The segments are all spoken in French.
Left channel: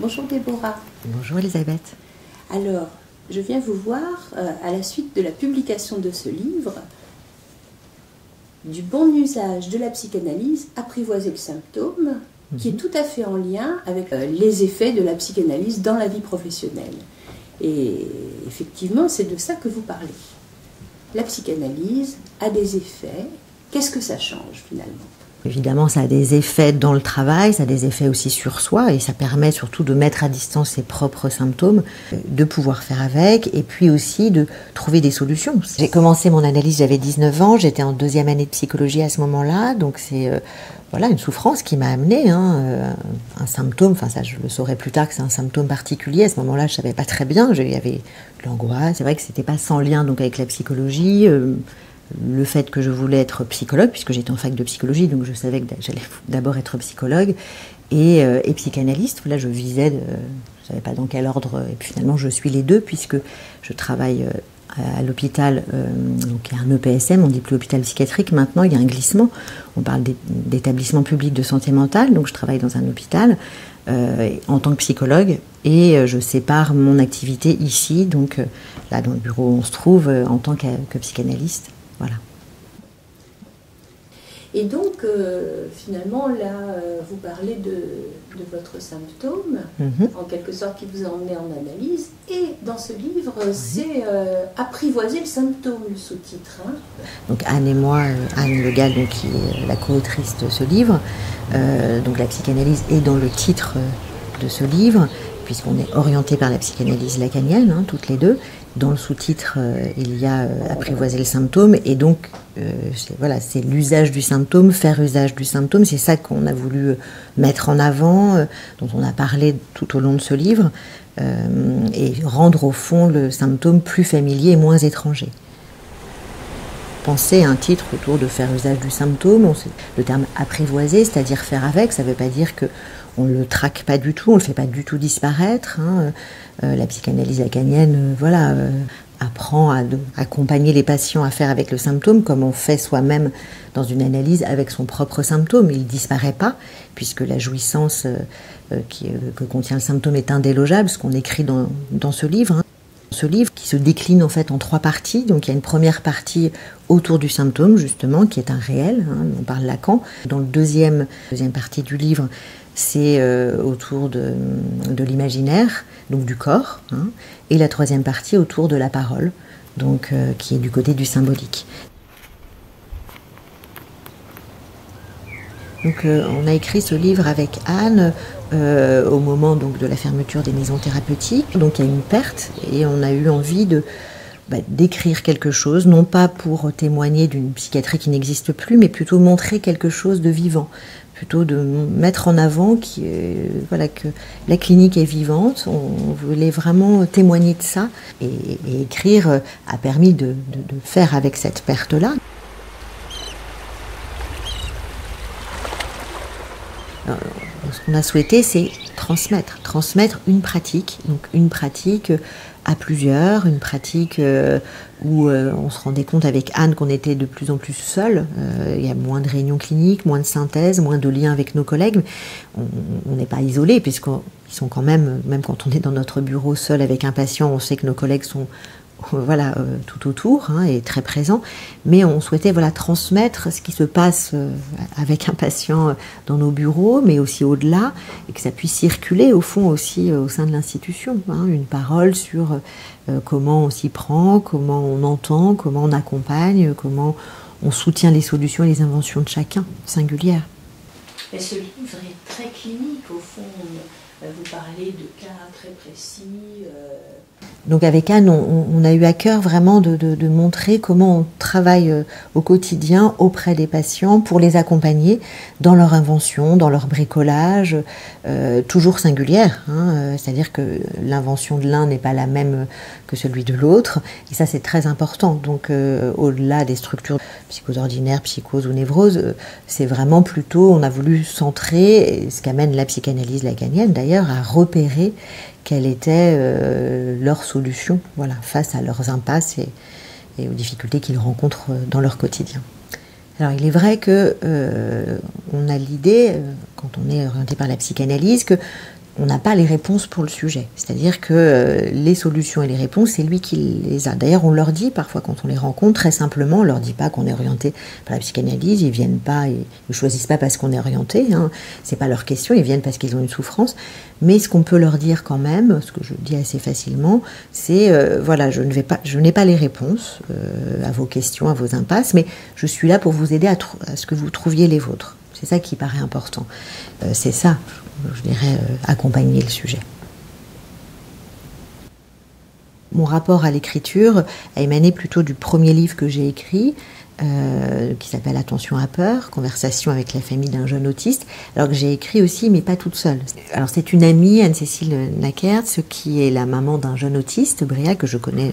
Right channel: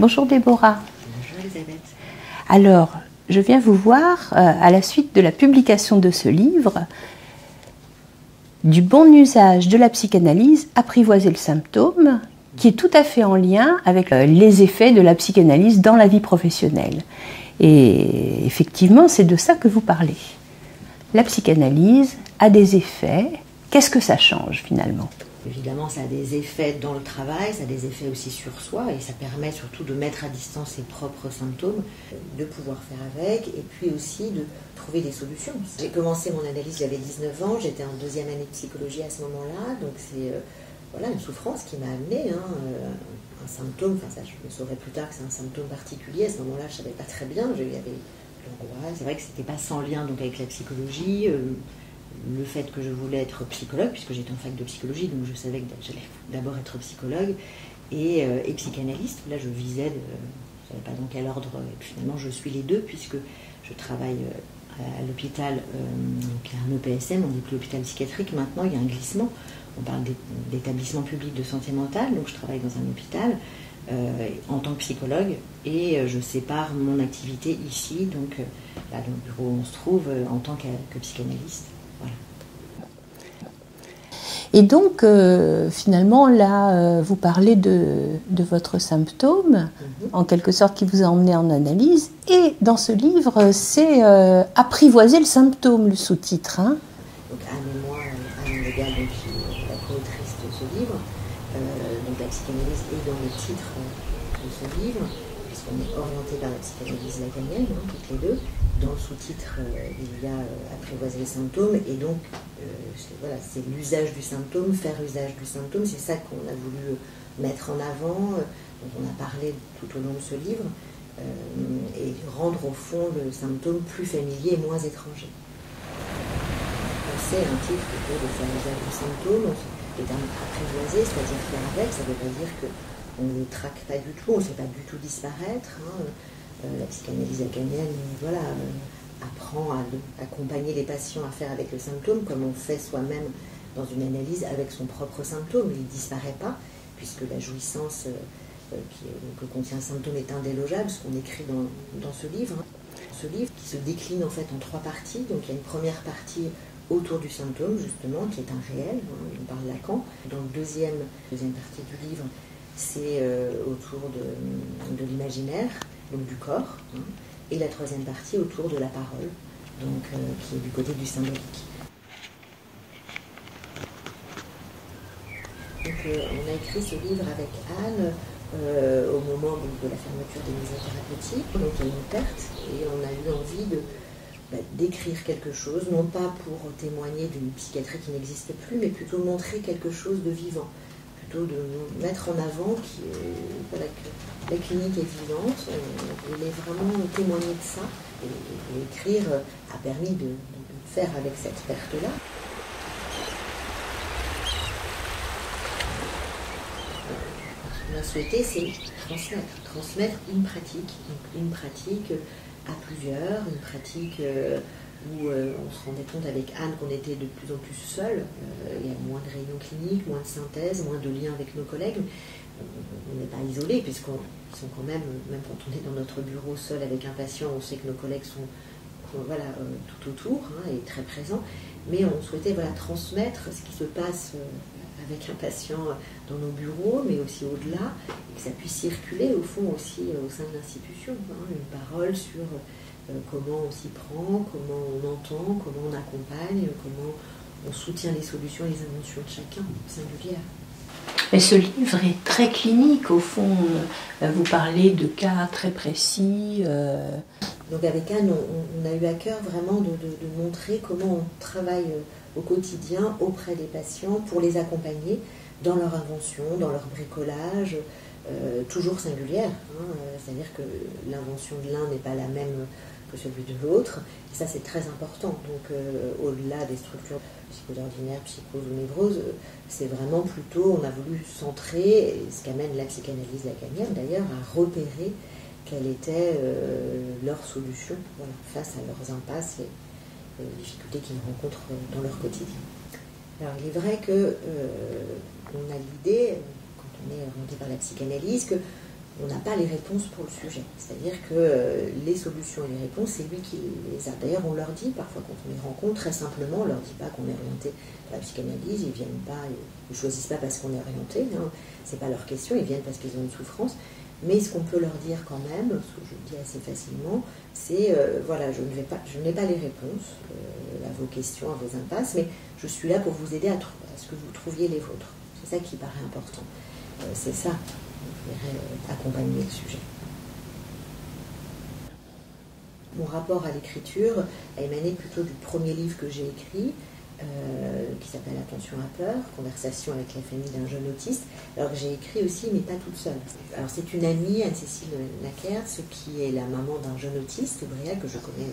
Bonjour Déborah. Bonjour Elisabeth. Alors, je viens vous voir à la suite de la publication de ce livre, du bon usage de la psychanalyse, apprivoiser le symptôme, qui est tout à fait en lien avec les effets de la psychanalyse dans la vie professionnelle. Et effectivement, c'est de ça que vous parlez. La psychanalyse a des effets. Qu'est-ce que ça change finalement ? Évidemment, ça a des effets dans le travail, ça a des effets aussi sur soi, et ça permet surtout de mettre à distance ses propres symptômes, de pouvoir faire avec, et puis aussi de trouver des solutions. J'ai commencé mon analyse, j'avais 19 ans, j'étais en 2e année de psychologie à ce moment-là, donc c'est voilà, une souffrance qui m'a amené un symptôme, enfin ça je le saurai plus tard que c'est un symptôme particulier, à ce moment-là je ne savais pas très bien, il y avait l'angoisse, c'est vrai que c'était pas sans lien donc avec la psychologie, le fait que je voulais être psychologue, puisque j'étais en fac de psychologie, donc je savais que j'allais d'abord être psychologue et psychanalyste. Là, je visais, je ne savais pas dans quel ordre, et puis finalement, je suis les deux, puisque je travaille à l'hôpital, donc il y a un EPSM, on dit plus hôpital psychiatrique, maintenant il y a un glissement, on parle d'établissement public de santé mentale, donc je travaille dans un hôpital en tant que psychologue, et je sépare mon activité ici, donc là dans le bureau où on se trouve, en tant que psychanalyste. Voilà. Et donc, finalement, là, vous parlez de votre symptôme, en quelque sorte, qui vous a emmené en analyse. Et dans ce livre, c'est apprivoiser le symptôme, le sous-titre. Hein. Donc Anne et moi, Anne Le Gall, donc, qui est la co-autrice de ce livre, donc la psychanalyse est dans le titre de ce livre, puisqu'on est orienté par la psychanalyse lacanienne, toutes les deux. Dans le sous-titre, il y a apprivoiser le symptôme, et donc c'est l'usage du symptôme, faire usage du symptôme, c'est ça qu'on a voulu mettre en avant, dont on a parlé tout au long de ce livre, et rendre au fond le symptôme plus familier et moins étranger. Penser à un titre autour de faire usage du symptôme, le terme apprivoiser, c'est-à-dire faire avec, ça ne veut pas dire qu'on ne le traque pas du tout, on ne le fait pas du tout disparaître. La psychanalyse lacanienne apprend à accompagner les patients à faire avec le symptôme comme on fait soi-même dans une analyse avec son propre symptôme. Il ne disparaît pas puisque la jouissance que contient le symptôme est indélogeable, ce qu'on écrit dans ce livre. Ce livre qui se décline en fait en 3 parties. Donc il y a une première partie autour du symptôme justement qui est un réel, on parle Lacan. Dans la deuxième partie du livre, c'est autour de l'imaginaire, donc du corps, et la 3e partie autour de la parole, donc qui est du côté du symbolique. Donc on a écrit ce livre avec Anne au moment donc, de la fermeture des maisons thérapeutiques, donc il y a une perte, et on a eu envie d'écrire quelque chose, non pas pour témoigner d'une psychiatrie qui n'existe plus, mais plutôt montrer quelque chose de vivant. Plutôt de mettre en avant que la clinique est vivante, on voulait vraiment témoigner de ça, et écrire a permis de faire avec cette perte-là. Ce qu'on a souhaité, c'est transmettre une pratique, donc une pratique à plusieurs, une pratique où on se rendait compte avec Anne qu'on était de plus en plus seuls. Il y a moins de réunions cliniques, moins de synthèse, moins de liens avec nos collègues. On n'est pas isolés, puisqu'ils sont quand même quand on est dans notre bureau seul avec un patient, on sait que nos collègues sont tout autour et très présents. Mais on souhaitait transmettre ce qui se passe avec un patient dans nos bureaux, mais aussi au-delà, et que ça puisse circuler au fond aussi au sein de l'institution. Une parole sur comment on s'y prend, comment on entend, comment on accompagne, comment on soutient les solutions et les inventions de chacun, singulières. Mais ce livre est très clinique, au fond. Vous parlez de cas très précis. Donc avec Anne, on a eu à cœur vraiment de montrer comment on travaille au quotidien auprès des patients pour les accompagner dans leur invention, dans leur bricolage, toujours singulière. C'est-à-dire que l'invention de l'un n'est pas la même que celui de l'autre. Et ça, c'est très important. Donc au-delà des structures psychoses ordinaires, psychose ou névrose, c'est vraiment plutôt, on a voulu centrer, ce qu'amène la psychanalyse lacanienne d'ailleurs, à repérer quelle était leur solution face à leurs impasses et aux difficultés qu'ils rencontrent dans leur quotidien. Alors il est vrai qu'on a l'idée, quand on est orienté par la psychanalyse, qu'on on n'a pas les réponses pour le sujet. C'est-à-dire que les solutions et les réponses, c'est lui qui les a. D'ailleurs, on leur dit parfois quand on les rencontre, très simplement, on leur dit pas qu'on est orienté par la psychanalyse, ils viennent pas, ils ne choisissent pas parce qu'on est orienté, hein. C'est pas leur question, ils viennent parce qu'ils ont une souffrance. Mais ce qu'on peut leur dire quand même, ce que je dis assez facilement, c'est voilà, je n'ai pas les réponses à vos questions, à vos impasses, mais je suis là pour vous aider à ce que vous trouviez les vôtres. C'est ça qui paraît important. C'est ça, je dirais, accompagner le sujet. Mon rapport à l'écriture a émané plutôt du premier livre que j'ai écrit, qui s'appelle Attention à peur, conversation avec la famille d'un jeune autiste, alors que j'ai écrit aussi, mais pas toute seule. Alors c'est une amie, Anne-Cécile Nakertz, qui est la maman d'un jeune autiste, Briac, que je connais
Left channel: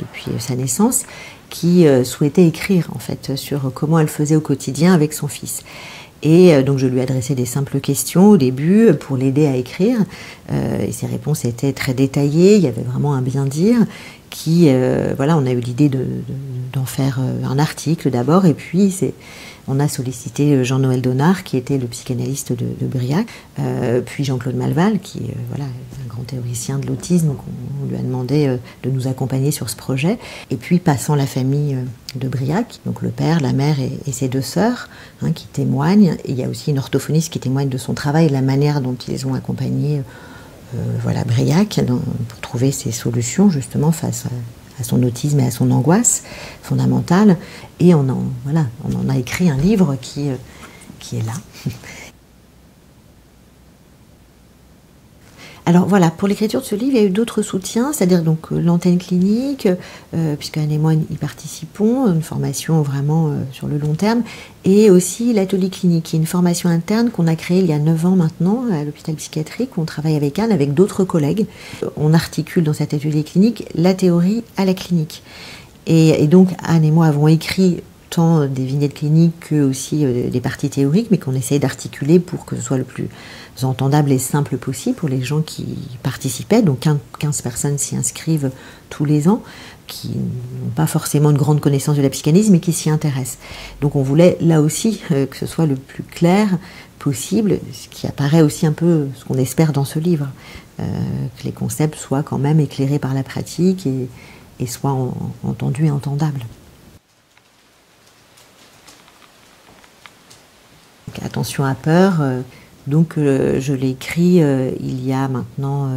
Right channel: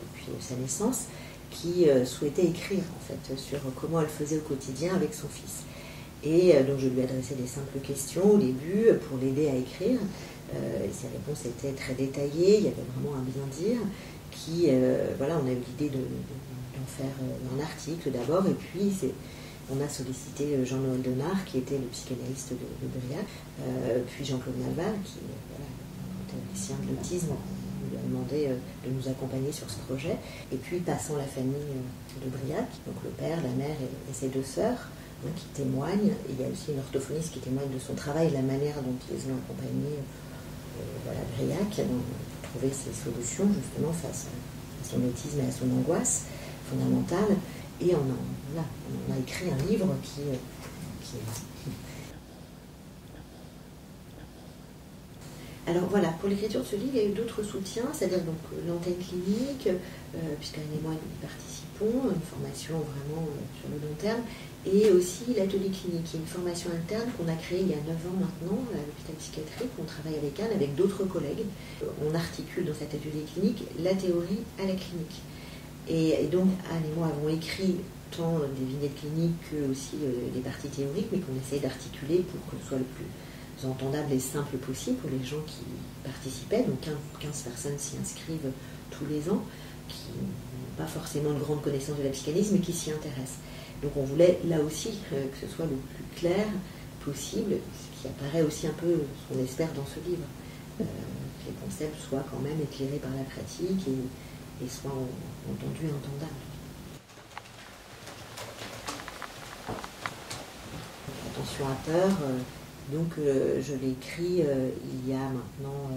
depuis sa naissance, qui souhaitait écrire en fait sur comment elle faisait au quotidien avec son fils. Et donc je lui adressais des simples questions au début pour l'aider à écrire. Et ses réponses étaient très détaillées, il y avait vraiment un bien-dire qui, voilà, on a eu l'idée d'en faire un article d'abord, et puis on a sollicité Jean-Noël Donard, qui était le psychanalyste de Briac, puis Jean-Claude Malval, qui est voilà, un grand théoricien de l'autisme, donc on lui a demandé de nous accompagner sur ce projet. Et puis passant la famille de Briac, donc le père, la mère et ses deux sœurs, hein, qui témoignent. Et il y a aussi une orthophoniste qui témoigne de son travail et de la manière dont ils ont accompagné voilà, Briac pour trouver ses solutions justement face à son autisme et à son angoisse fondamentale. Et on en a écrit un livre qui est là. Alors voilà, pour l'écriture de ce livre, il y a eu d'autres soutiens, c'est-à-dire donc l'antenne clinique, puisque Anne et moi y participons, une formation vraiment sur le long terme, et aussi l'atelier clinique, qui est une formation interne qu'on a créée il y a 9 ans maintenant à l'hôpital psychiatrique, où on travaille avec Anne, avec d'autres collègues. On articule dans cet atelier clinique la théorie à la clinique. Et donc Anne et moi avons écrit tant des vignettes cliniques que aussi des parties théoriques, mais qu'on essaye d'articuler pour que ce soit le plus entendable et simple possible pour les gens qui participaient. Donc 15 personnes s'y inscrivent tous les ans, qui n'ont pas forcément une grande connaissance de la psychanalyse, mais qui s'y intéressent. Donc on voulait là aussi que ce soit le plus clair possible, ce qui apparaît aussi un peu ce qu'on espère dans ce livre, que les concepts soient quand même éclairés par la pratique et soient entendus et entendables. Donc, attention à peur. Donc je l'ai écrit il y a maintenant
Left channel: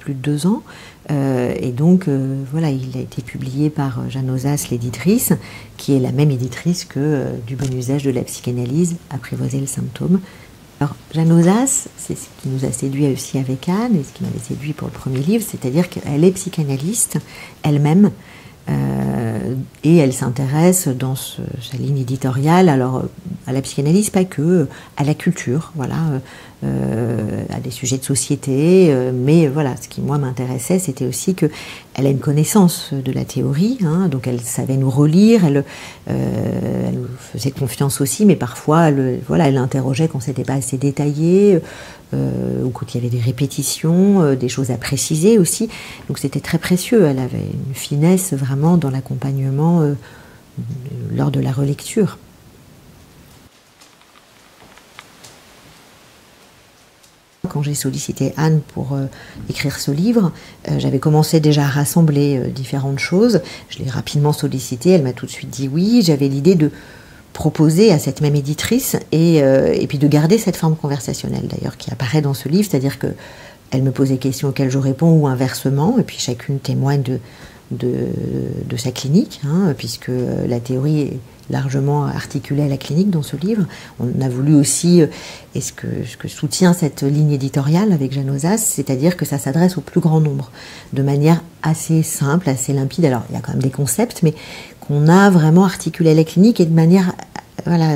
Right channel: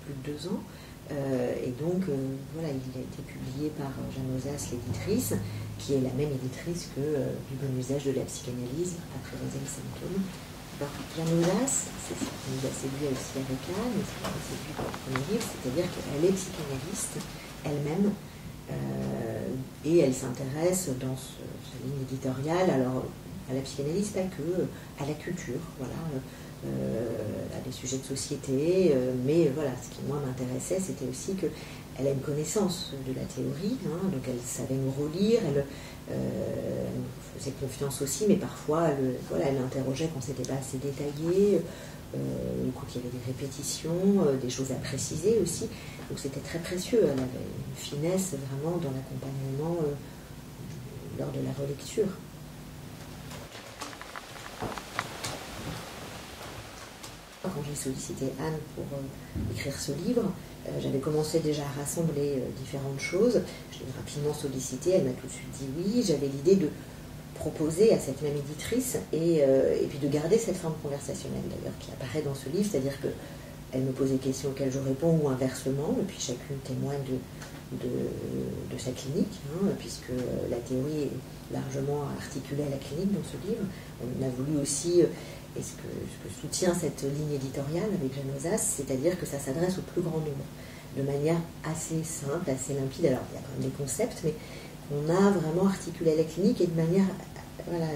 plus de 2 ans. Et donc voilà, il a été publié par Jeanne Ozas, l'éditrice, qui est la même éditrice que Du bon usage de la psychanalyse, Apprivoiser le symptôme. Alors Jeanne Ozas, c'est ce qui nous a séduit aussi avec Anne, et ce qui nous a séduit pour le premier livre, c'est-à-dire qu'elle est psychanalyste elle-même. Et elle s'intéresse dans sa ligne éditoriale alors à la psychanalyse, pas que, à la culture, voilà, à des sujets de société, mais voilà, ce qui moi m'intéressait, c'était aussi qu'elle a une connaissance de la théorie, hein, donc elle savait nous relire, elle nous faisait confiance aussi, mais parfois elle interrogeait quand c'était pas assez détaillé, ou quand il y avait des répétitions, des choses à préciser aussi. Donc c'était très précieux, elle avait une finesse vraiment dans l'accompagnement lors de la relecture. Quand j'ai sollicité Anne pour écrire ce livre, j'avais commencé déjà à rassembler différentes choses. Je l'ai rapidement sollicitée, elle m'a tout de suite dit oui. J'avais l'idée de proposer à cette même éditrice et puis de garder cette forme conversationnelle d'ailleurs qui apparaît dans ce livre, c'est-à-dire qu'elle me pose des questions auxquelles je réponds ou inversement, et puis chacune témoigne de sa clinique, hein, puisque la théorie est largement articulée à la clinique dans ce livre. On a voulu aussi, et ce que soutient cette ligne éditoriale avec Jeanne Ozas, c'est-à-dire que ça s'adresse au plus grand nombre, de manière assez simple, assez limpide. Alors il y a quand même des concepts, mais qu'on a vraiment articulé à la clinique et de manière, voilà,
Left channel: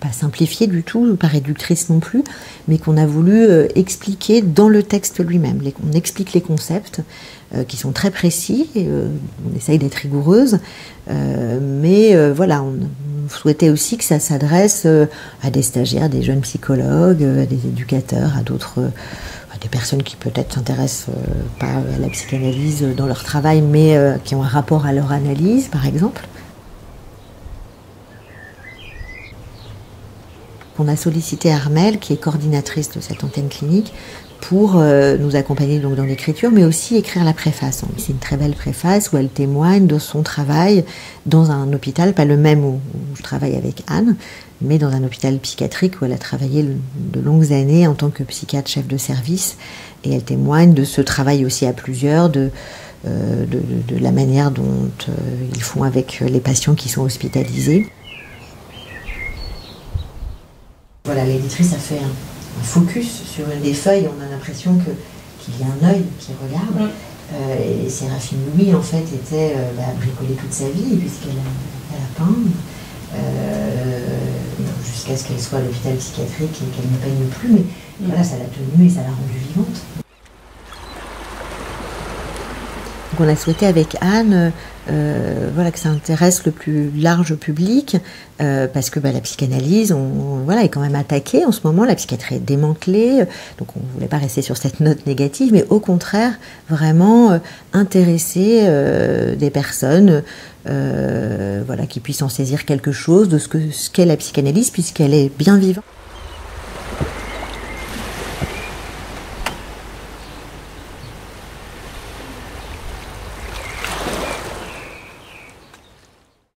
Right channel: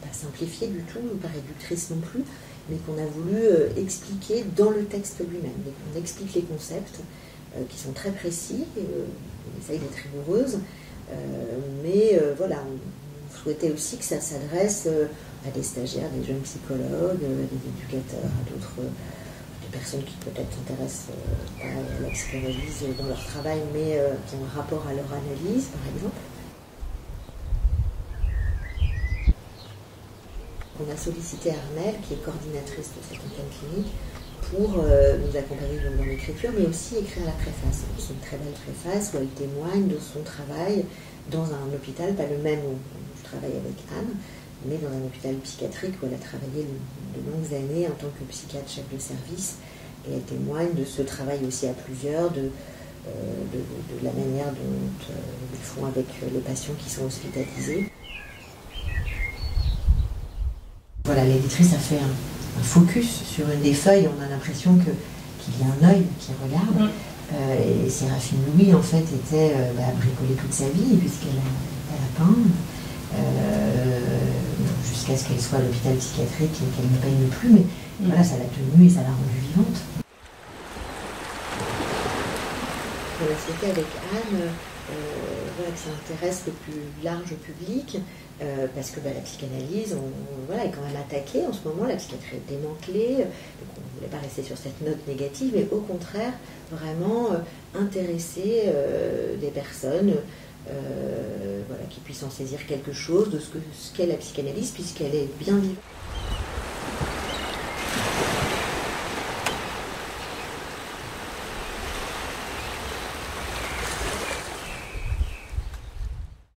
pas simplifiée du tout, pas réductrice non plus, mais qu'on a voulu expliquer dans le texte lui-même. On explique les concepts qui sont très précis, et, on essaye d'être rigoureuse, mais voilà, on souhaitait aussi que ça s'adresse à des stagiaires, des jeunes psychologues, à des éducateurs, à d'autres, des personnes qui peut-être s'intéressent pas à la psychanalyse dans leur travail, mais qui ont un rapport à leur analyse, par exemple. on a sollicité Armelle, qui est coordinatrice de cette antenne clinique, pour nous accompagner donc dans l'écriture, mais aussi écrire la préface. C'est une très belle préface où elle témoigne de son travail dans un hôpital, pas le même où je travaille avec Anne, mais dans un hôpital psychiatrique où elle a travaillé de longues années en tant que psychiatre chef de service. Et elle témoigne de ce travail aussi à plusieurs, de la manière dont ils font avec les patients qui sont hospitalisés. Voilà, l'éditrice a fait un focus sur une des feuilles, on a l'impression qu'il y a un œil qui regarde. Et Séraphine Louis, en fait, a bricolé toute sa vie, puisqu'elle a peint, jusqu'à ce qu'elle soit à l'hôpital psychiatrique et qu'elle ne peigne plus. Mais voilà, ça l'a tenue et ça l'a rendue vivante. On a souhaité avec Anne que ça intéresse le plus large public, parce que la psychanalyse est quand même attaquée en ce moment, la psychiatrie est démantelée, donc on ne voulait pas rester sur cette note négative, mais au contraire, vraiment intéresser des personnes qui puissent en saisir quelque chose de ce qu'est la psychanalyse, puisqu'elle est bien vivante.